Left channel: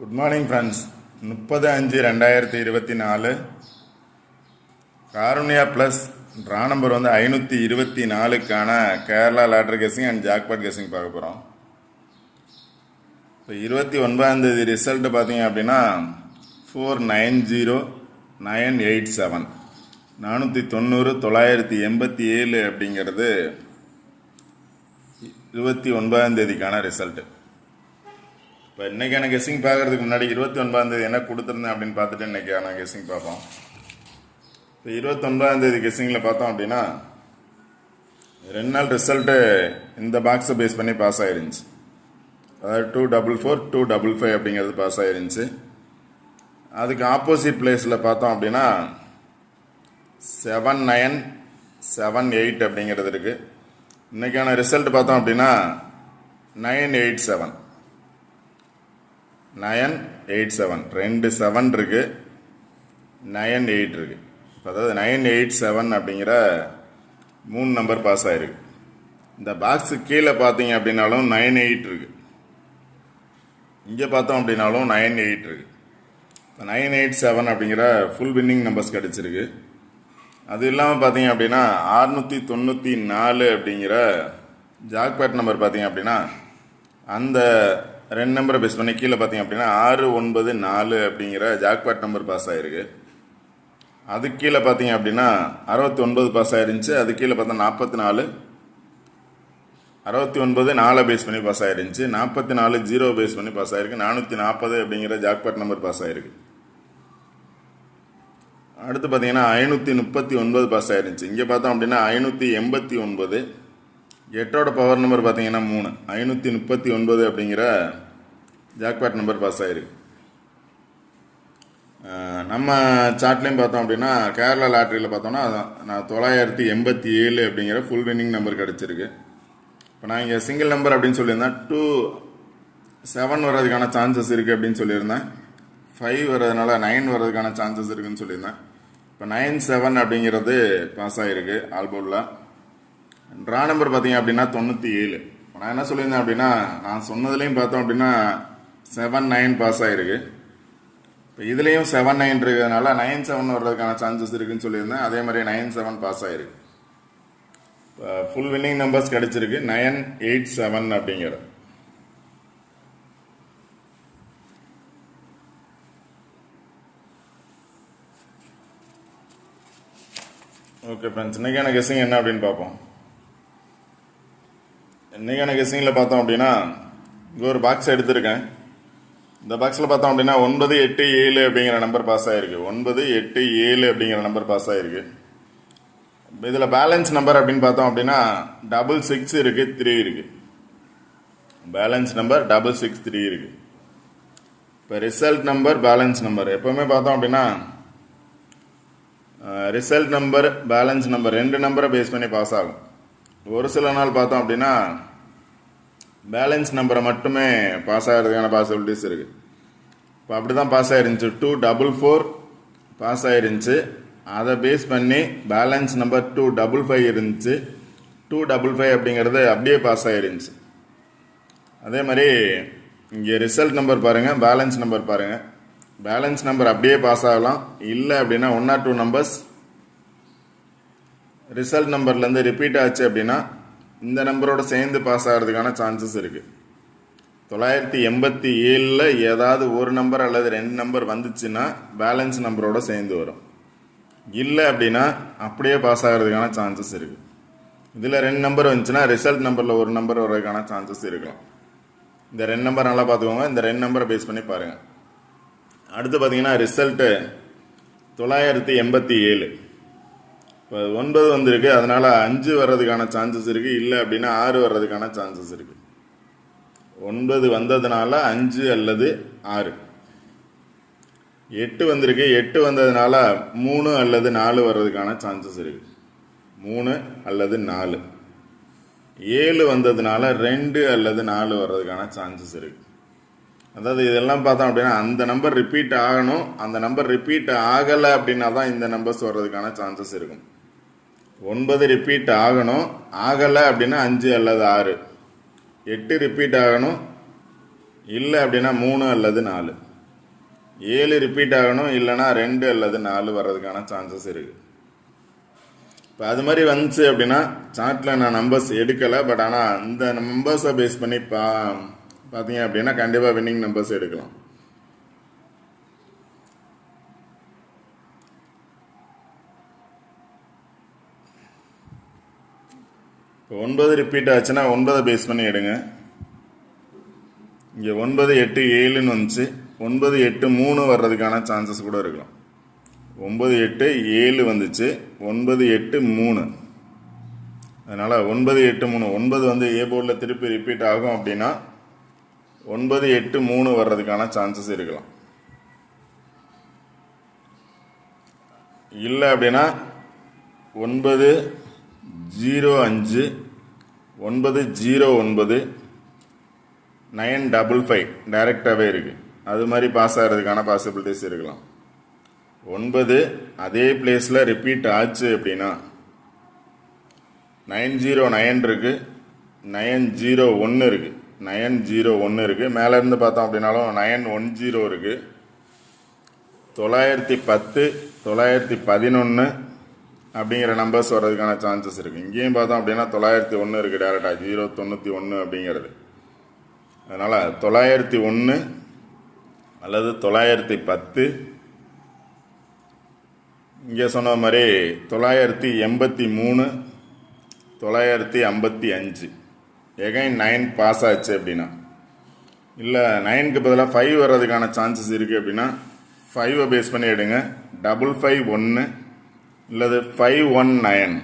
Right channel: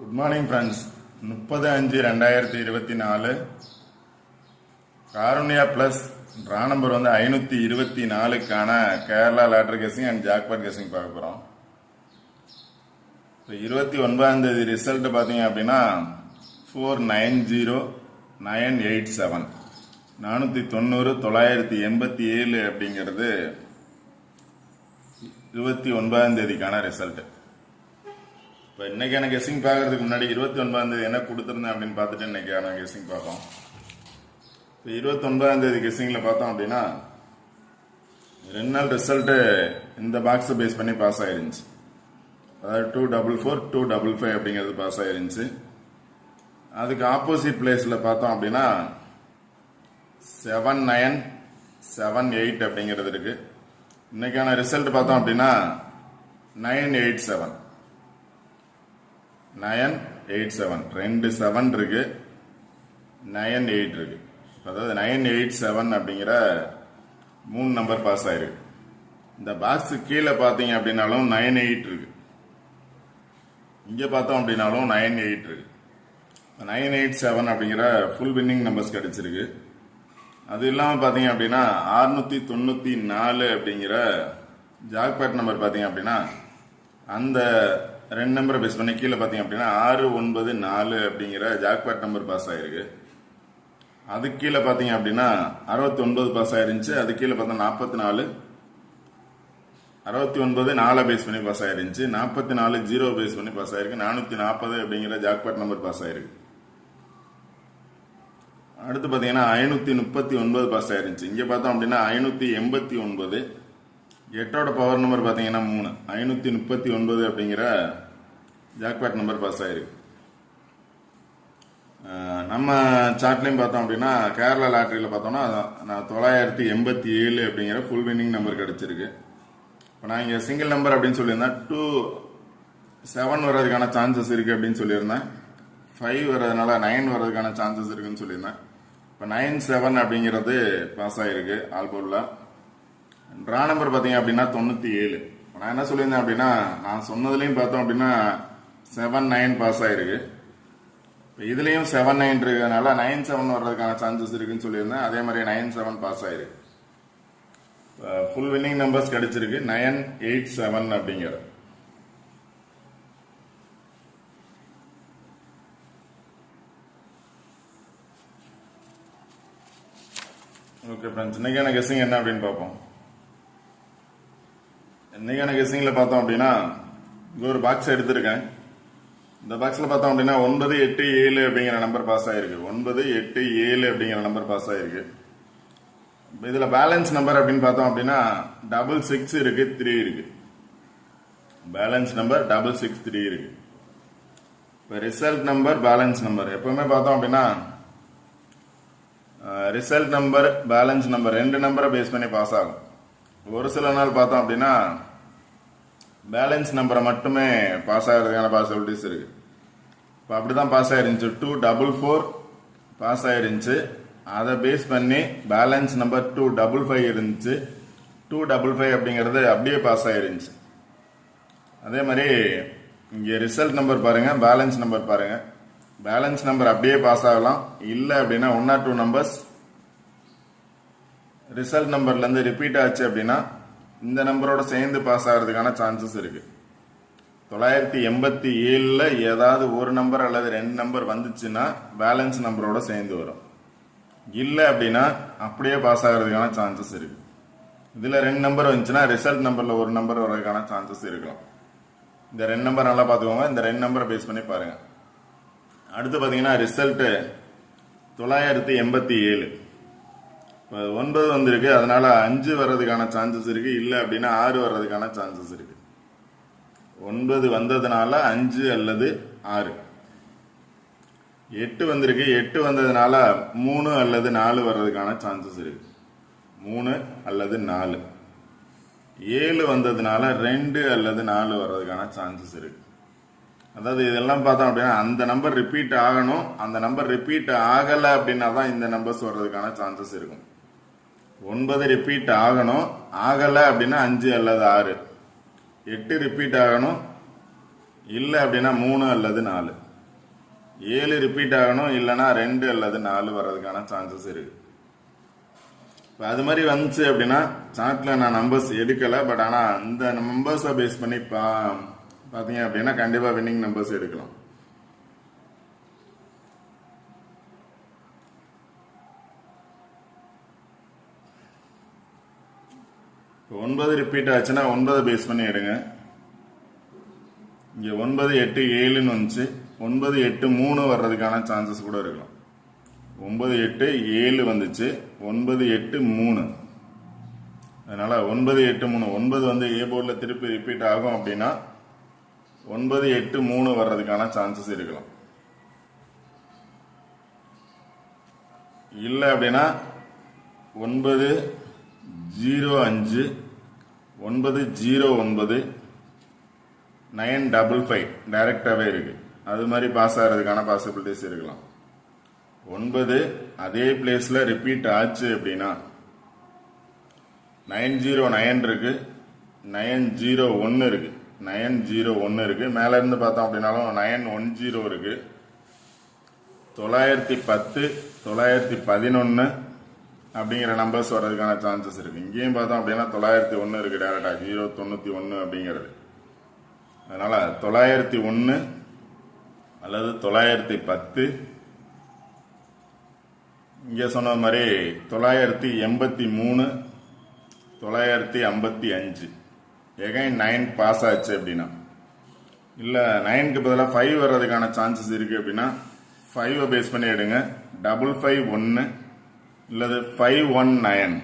Good morning friends. 30/5/2024 Karunya plus draw number 524க்கான Kerala lottery guessing and jackpot guessing பார்க்க போகிறோம். இப்போ 29ஆம் தேதி ரிசல்ட்டு பார்த்தீங்க அப்படின்னா 490987 490 987 அப்படிங்கிறது 29ஆம் தேதிக்கான ரிசல்ட்டு. இப்போ இன்றைக்கான கெஸிங் பார்க்குறதுக்கு முன்னாடி 29ஆம் தேதி என்ன கொடுத்துருந்தேன் அப்படின்னு பார்த்துட்டு இன்றைக்கான கெஸிங் பார்ப்போம். இப்போ 29ஆம் தேதி கெஸிங்கில் பார்த்தோம் அப்படின்னா 2 நாள் ரிசல்ட்டு இந்த பாக்ஸை பேஸ் பண்ணி பாஸ் ஆயிருந்துச்சு. அதாவது 244 255 அப்படிங்கிறது பாஸ் ஆயிருந்துச்சு. அதுக்கு ஆப்போசிட் பிளேஸில் பார்த்தோம் அப்படின்னா 7978 அப்படிங்கிறது இருக்குது. இன்றைக்கான ரிசல்ட் பார்த்தோம் அப்படின்னா 987 2 7 இருக்கு, 98 இருக்கு. அதாவது 987 அப்படிங்கிற 3 நம்பர் பாஸ் ஆயிருக்கு. இந்த பாக்ஸு கீழே பார்த்தீங்க அப்படின்னாலும் 98 இருக்கு, இங்கே பார்த்தோம் அப்படின்னாலும் 98 இருக்கு. 987 அப்படிங்கிற ஃபுல் வின்னிங் நம்பர்ஸ் கிடைச்சிருக்கு. அது இல்லாமல் பார்த்தீங்க அப்படின்னா 694 அப்படிங்கிற ஜாக்பாட் நம்பர் பார்த்தீங்க அப்படின்னா அந்த 2 நம்பரை பேஸ் பண்ணி கீழே பார்த்தீங்க அப்படின்னா 694 அப்படிங்கிற ஜாக்பாட் நம்பர் பாஸ் ஆகிருக்கு. அது கீழே பார்த்தீங்க அப்படின்னா 69 பாஸ் ஆயிருந்துச்சு. அது கீழே பார்த்தா 44 69 4 பேஸ் பண்ணி பாஸ் ஆயிருந்துச்சு. 44 0 பேஸ் பண்ணி பாஸ் ஆயிருக்கு. 440 அப்படிங்கிற ஜாக்பாட் நம்பர் பாஸ் ஆயிருக்கு. அடுத்து பார்த்தீங்கன்னா 539 பாஸ் ஆயிருந்துச்சு. இங்கே பார்த்தோம் அப்படின்னா 589 8ஓட பவர் நம்பர் பார்த்தீங்கன்னா 3 539 அப்படிங்கிற ஜாக்பாட் நம்பர் பாஸ் ஆயிருக்கு. நம்ம சார்ட்லையும் பார்த்தோம் அப்படின்னா கேரளா லாட்ரியில் பார்த்தோம்னா 987 அப்படிங்கிற ஃபுல் வின்னிங் நம்பர் கிடச்சிருக்கு. இப்போ நான் இங்கே சிங்கிள் நம்பர் அப்படின்னு சொல்லியிருந்தேன். 2 7 வர்றதுக்கான சான்சஸ் இருக்குது அப்படின்னு சொல்லியிருந்தேன். 5 வர்றதுனால 9 வர்றதுக்கான சான்சஸ் இருக்குன்னு சொல்லியிருந்தேன். இப்போ 97 அப்படிங்கிறது பாஸ் ஆகிருக்கு ஆல்போர்டில். ட்ரா நம்பர் பார்த்தீங்க அப்படின்னா 97. நான் என்ன சொல்லியிருந்தேன் அப்படின்னா நான் சொன்னதுலேயும் பார்த்தோம் அப்படின்னா 79 பாஸ் ஆகிருக்கு. இப்போ இதுலேயும் 79 இருக்கிறதுனால 97 வர்றதுக்கான சான்சஸ் இருக்குன்னு சொல்லியிருந்தேன். அதே மாதிரி 97 பாஸ் ஆகிருக்கு. ஃபுல் வின்னிங் நம்பர்ஸ் கிடைச்சிருக்கு 987 அப்படிங்கிற. ஓகே ஃப்ரெண்ட்ஸ், இன்றைக்கான கெஸிங் என்ன அப்படின்னு பார்ப்போம். இன்றைக்கான கெஸிங்கில் பார்த்தோம் அப்படின்னா இங்கே ஒரு பாக்ஸ் எடுத்திருக்கேன். இந்த பாக்ஸில் பார்த்தோம் அப்படின்னா 987 அப்படிங்கிற நம்பர் பாஸ் ஆகிருக்கு. 987 அப்படிங்கிற நம்பர் பாஸ் ஆகிருக்கு. இதில் பேலன்ஸ் நம்பர் அப்படின்னு பார்த்தோம் அப்படின்னா 66 இருக்குது, 3 இருக்குது. பேலன்ஸ் நம்பர் 663 இருக்குது. இப்போ ரிசல்ட் நம்பர் பேலன்ஸ் நம்பர் எப்போவுமே பார்த்தோம் அப்படின்னா ரிசல்ட் நம்பர் பேலன்ஸ் நம்பர் 2 நம்பரை பேஸ் பண்ணி பாஸ் ஆகும். ஒரு சில நாள் பார்த்தோம் அப்படின்னா பேலன்ஸ் நம்பரை மட்டுமே பாஸ் ஆகிறதுக்கான பாசிபிலிட்டிஸ் இருக்குது. இப்போ அப்படி தான் பாஸ் ஆகிருந்துச்சு. 244 பாஸ் ஆகிருந்துச்சு. அதை பேஸ் பண்ணி பேலன்ஸ் நம்பர் 255 இருந்துச்சு. 255 அப்படிங்கிறது அப்படியே பாஸ் ஆகிருந்துச்சு. அதே மாதிரி இங்கே ரிசல்ட் நம்பர் பாருங்கள், பேலன்ஸ் நம்பர் பாருங்கள். பேலன்ஸ் நம்பர் அப்படியே பாஸ் ஆகலாம். இல்லை அப்படின்னா 1 or 2 நம்பர்ஸ் ரிசல்ட் நம்பர்லேருந்து ரிப்பீட் ஆச்சு அப்படின்னா இந்த நம்பரோட சேர்ந்து பாஸ் ஆகிறதுக்கான சான்சஸ் இருக்குது. 987 ஏதாவது ஒரு நம்பர் அல்லது 2 நம்பர் வந்துச்சுன்னா பேலன்ஸ் நம்பரோட சேர்ந்து வரும். இல்லை அப்படின்னா அப்படியே பாஸ் ஆகிறதுக்கான சான்சஸ் இருக்குது. இதில் 2 நம்பர் வந்துச்சுன்னா ரிசல்ட் நம்பரில் ஒரு நம்பர் வர்றதுக்கான சான்சஸ் இருக்கலாம். இந்த 2 நம்பர் நல்லா பார்த்துக்கோங்க. இந்த 2 நம்பரை பேஸ் பண்ணி பாருங்கள். அடுத்து பார்த்தீங்கன்னா ரிசல்ட்டு 987. இப்போ 9 வந்திருக்கு, அதனால் 5 வர்றதுக்கான சான்சஸ் இருக்குது. இல்லை அப்படின்னா 6 வர்றதுக்கான சான்சஸ் இருக்குது. 9 வந்ததுனால 5 அல்லது 6. 8 வந்திருக்கு, 8 வந்ததுனால 3 அல்லது 4 வர்றதுக்கான சான்சஸ் இருக்குது. 3 அல்லது 4. 7 வந்ததுனால 2 அல்லது 4 வர்றதுக்கான சான்சஸ் இருக்குது. அதாவது இதெல்லாம் பார்த்தோம் அப்படின்னா அந்த நம்பர் ரிப்பீட் ஆகணும். அந்த நம்பர் ரிப்பீட் ஆகலை அப்படின்னா தான் இந்த நம்பர்ஸ் வர்றதுக்கான சான்சஸ் இருக்கும். 9 ரிப்பீட் ஆகணும், ஆகலை அப்படின்னா 5 அல்லது 6. 8 ரிப்பீட் ஆகணும், இல்லை அப்படின்னா 3 அல்லது 4. 7 ரிப்பீட் ஆகணும், இல்லைனா 2 அல்லது 4 வர்றதுக்கான சான்சஸ் இருக்குது. இப்போ அது மாதிரி வந்துச்சு அப்படின்னா சார்ட்டில் நான் நம்பர்ஸ் எடுக்கலை, பட் ஆனால் இந்த நம்பர்ஸை பேஸ் பண்ணி பார்த்தீங்க அப்படின்னா கண்டிப்பாக வின்னிங் நம்பர்ஸ் எடுக்கலாம். இப்போ 9 ரிப்பீட் ஆச்சுன்னா 9 பேஸ் பண்ணி எடுங்க. இங்கே 9, 8, 7ன்னு வந்துச்சு. 9, 8, 3 வர்றதுக்கான சான்சஸ் கூட இருக்கும். 9, 8, 7 வந்துச்சு. 9, 8, 3. அதனால் 9, 8, 3. 9 வந்து ஏ போர்டில் திருப்பி ரிப்பீட் ஆகும் அப்படின்னா 9, 8, 3 வர்றதுக்கான சான்சஸ் இருக்கலாம். இல்லை அப்படின்னா 9, 0, 5, 9, 0, 9, 9, 5, 5 டைரக்டாகவே இருக்குது. அது மாதிரி பாஸ் ஆகிறதுக்கான பாசிபிலிட்டிஸ் இருக்கலாம். 9 அதே பிளேஸில் ரிப்பீட் ஆச்சு அப்படின்னா 909 இருக்குது, 901 இருக்குது, 901 இருக்குது. மேலேருந்து பார்த்தோம் அப்படின்னாலும் 910 இருக்குது, 910, 911 அப்படிங்கிற நம்பர்ஸ் வர்றதுக்கான சான்சஸ் இருக்குது. இங்கேயும் பார்த்தோம் அப்படின்னா 901 இருக்குது டேரெக்டாக, 091 அப்படிங்கிறது. அதனால் 901 அல்லது 910, இங்கே சொன்ன மாதிரி 983, 955. எகைன் 9 பாஸ் ஆச்சு அப்படின்னா, இல்லை 9க்கு பதிலாக 5 வர்றதுக்கான சான்சஸ் இருக்குது அப்படின்னா 5 பேஸ் பண்ணி எடுங்க. 551 இல்லது 519,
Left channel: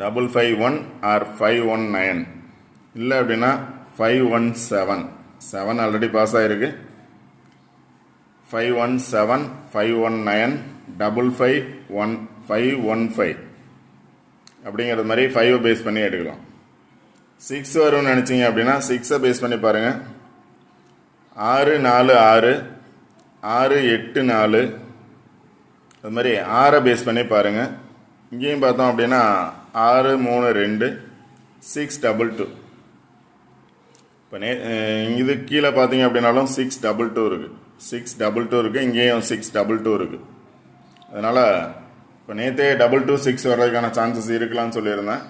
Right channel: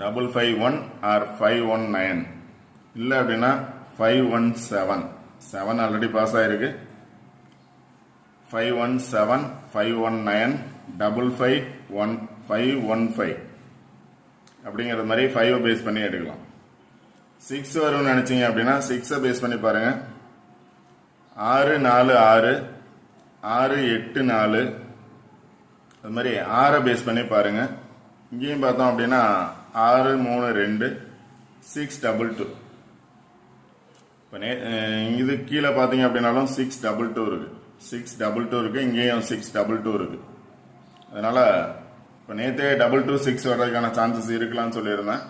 551 ஆர் 519. இல்லை அப்படின்னா 517. 7 ஆல்ரெடி பாஸ் ஆகிருக்கு. 517, 519, 551, 515 அப்படிங்கிறது மாதிரி 5 பேஸ் பண்ணி எடுக்கலாம். 6 வரும்னு நினச்சிங்க அப்படின்னா 6 பேஸ் பண்ணி பாருங்கள். 6, 4, 6, 6, 8, 4 அது மாதிரி 6 பேஸ் பண்ணி பாருங்கள். இங்கேயும் பார்த்தோம் அப்படின்னா 6, 3, 2, 622. இப்போ இது கீழே பார்த்தீங்க அப்படின்னாலும் 622 இருக்குது, 622 இருக்குது. இங்கேயும் 622 இருக்குது. அதனால் இப்போ நேற்றே 226 வர்றதுக்கான சான்சஸ் இருக்கலாம்னு சொல்லியிருந்தேன்.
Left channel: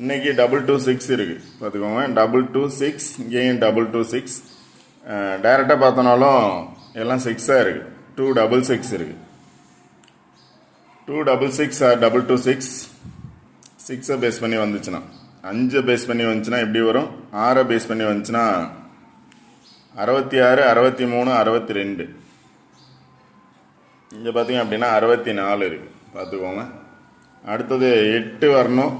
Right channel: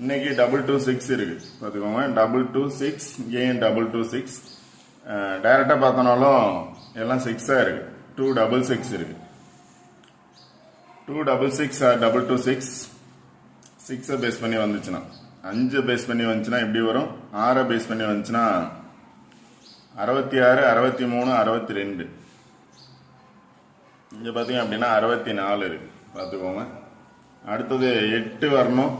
இன்னைக்கு 226 இருக்குது பார்த்துக்கோங்க. 226, இங்கேயும் 226. டைரெக்டாக பார்த்தோன்னாலும் எல்லாம் 6ஆக இருக்குது. 266 இருக்குது. 266 ஆர் 226. 6 பேஸ் பண்ணி வந்துச்சுன்னா, 5 பேஸ் பண்ணி வந்துச்சுன்னா எப்படி வரும்? 6 பேஸ் பண்ணி வந்துச்சுன்னா 66, 63, 62. இங்கே பார்த்தீங்க அப்படின்னா 64 இருக்கு பார்த்துக்கோங்க. அடுத்தது 8 வரணும்.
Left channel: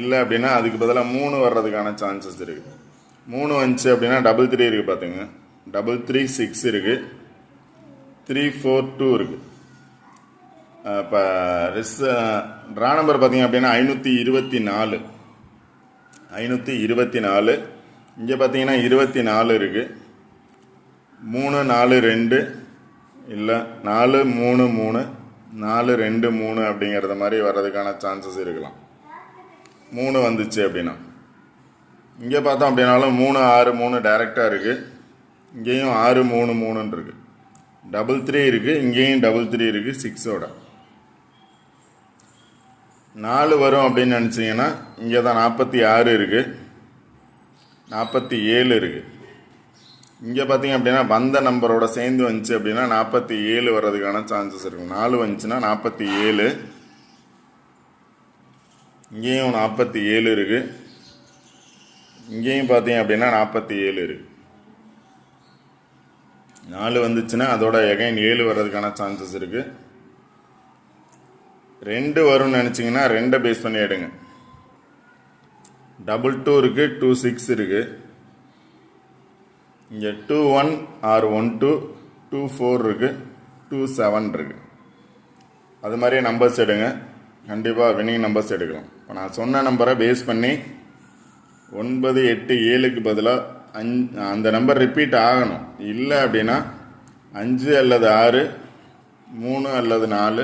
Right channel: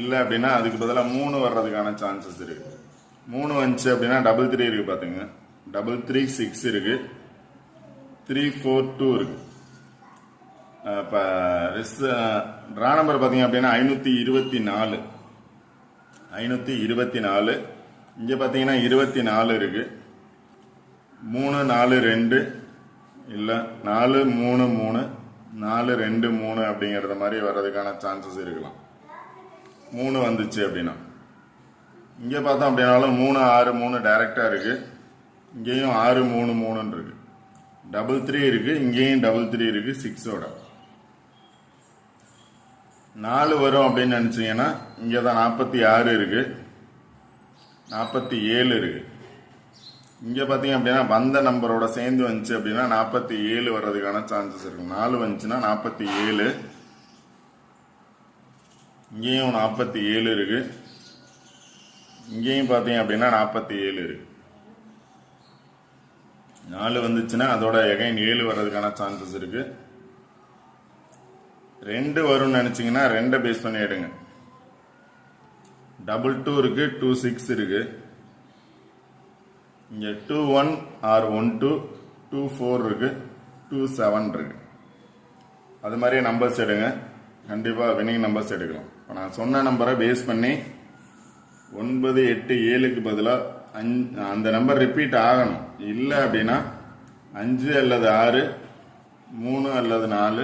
இல்லை அப்படின்னா அதுக்கு பதிலாக 3 வர்றதுக்கான சான்சஸ் இருக்குது. 3 வந்துச்சு அப்படின்னா 33 இருக்குது பார்த்துங்க. 336 இருக்குது, 342 இருக்குது. இப்போ ட்ரா நம்பர் பார்த்தீங்க அப்படின்னா 524. 524. இங்கே பார்த்தீங்கன்னா 24 இருக்குது. 3, 4, 2 இல்லை 4, 3, 3, 4, 2, 3 அப்படிங்கிறத மாதிரி வர்றதுக்கான சான்சஸ் இருக்கலாம். 3 வந்துச்சு அப்படின்னா. இங்கே பார்த்தோம் அப்படின்னாலும் 3, 6, 3 டைரெக்டாக இருக்குது. இங்கேயும் 6, 3, 3 இருக்குது. 33 இருக்குது. இங்கேயும் 33 இருக்குது 6ஓட. 4 வரும் அப்படின்னு நினச்சிங்கன்னா இங்கே தான் 46 இருக்குது, 47 இருக்குது. இங்கே பார்த்தீங்க அப்படின்னா வந்த நம்பரோட சேர்ந்து வந்துச்சு அப்படின்னா 47 வர்றதுக்கான சான்சஸ் இருக்குது. 4 வந்துச்சுன்னா 47. இங்கேயும் 47 இருக்குது. இங்கேயும் பார்த்தீங்க அப்படின்னா 47 இருக்குது. 4 வந்துச்சுன்னா அதோட எகைன் 7 வர்றதுக்கான சான்சஸ் இருக்குது. 2 வரும்னு நினச்சிங்கன்னா 2 பேஸ் பண்ணி எடுங்க. 22 இருக்குது, 26 இருக்குது. இங்கே 21 ஆர் 12, 24 இருக்குது, 27 இருக்குது. அது மாதிரியே நம்பர்ஸ் எடுங்க. கண்டிப்பாக வின்னிங் நம்பர்ஸ் எடுக்கலாம். இப்போ நான் சொன்ன நம்பரை பேஸ் பண்ணி 9, 8, 7க்கு பதிலாக அந்த நம்பர் ரிப்பீட் ஆகணும். இல்லை அப்படின்னா 5 அல்லது 6, 3 அல்லது 4,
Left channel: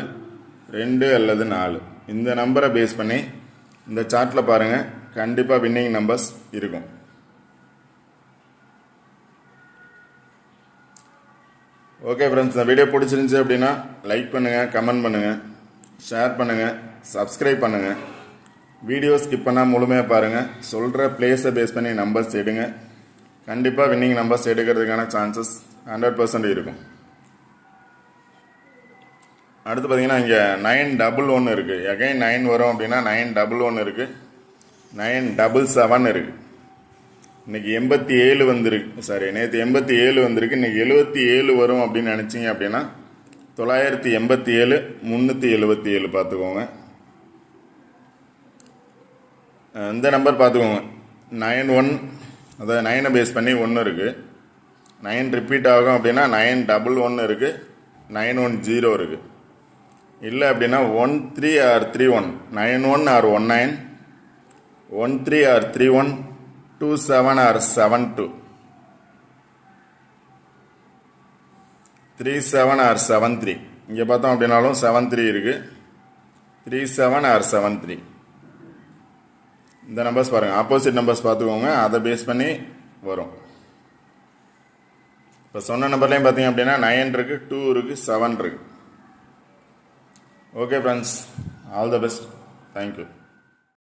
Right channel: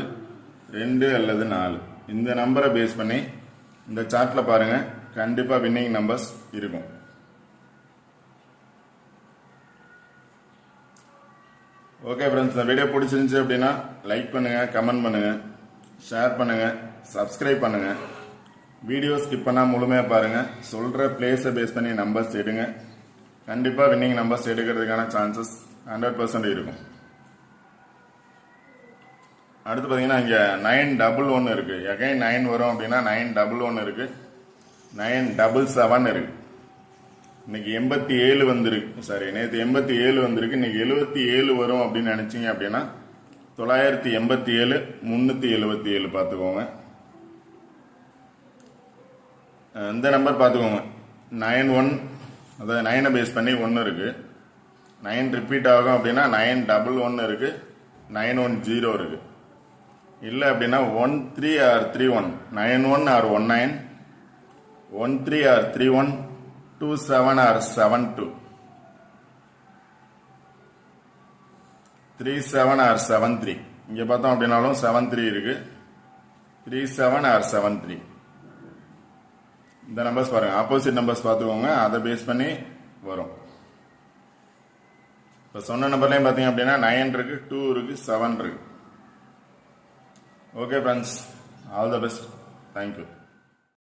2 அல்லது 4 இந்த நம்பரை பேஸ் பண்ணி இந்த சார்ட்டில் பாருங்கள். கண்டிப்பாக வின்னிங் நம்பர்ஸ் இருக்கும். ஓகே ஃப்ரெண்ட்ஸ், இந்த வீடியோ பிடிச்சிருந்துச்சு அப்படின்னா லைக் பண்ணுங்கள், கமெண்ட் பண்ணுங்கள், ஷேர் பண்ணுங்கள், சப்ஸ்கிரைப் பண்ணுங்கள். வீடியோ ஸ்கிப் பண்ணால் முழுமையாக பாருங்கள். சொல்கிற பிளேஸை பேஸ் பண்ணி நம்பர்ஸ் எடுங்க. கண்டிப்பாக வின்னிங் நம்பர்ஸ் எடுக்கிறதுக்கான சான்சஸ் 100% இருக்கும். அடுத்து பார்த்தீங்கன்னா இங்கே 911 இருக்குது. எகைன் 9 வரும் அப்படின்னா 911 இருக்குது, 977 இருக்குது. இன்னைக்கு 87 வந்திருக்கு. நேற்று 87 வந்திருக்கு. இன்னைக்கு 77 வரும் அப்படின்னு நினச்சிங்க அப்படின்னா 987 377 பார்த்துக்கோங்க. இந்த நம்பர் பார்த்துக்கோங்க. 91, அதாவது 9 பேஸ் பண்ணி 1 இருக்குது. 9 ரிப்பீட் ஆகும் அப்படின்னா 911 இருக்குது, 910 இருக்குது. இல்லை அப்படின்னா 13 or 31, 91 or 19, 13 or 31, 27 or 72, 37 or 73. இங்கே பார்த்தோம் அப்படின்னாலும் 73 இருக்கு, 37 or 73. இந்த நம்பர்ஸ் பாருங்க, ஆப்போசிட் நம்பர்ஸ் பார்த்துக்கோங்க, அதை பேஸ் பண்ணி வரும். இப்போ சொன்ன நம்பர்லையும் பார்த்தீங்க அப்படின்னா 9 இருக்கு, 2 இருக்கு, 7 இருக்கு. Okay friends, all the best. Thank you.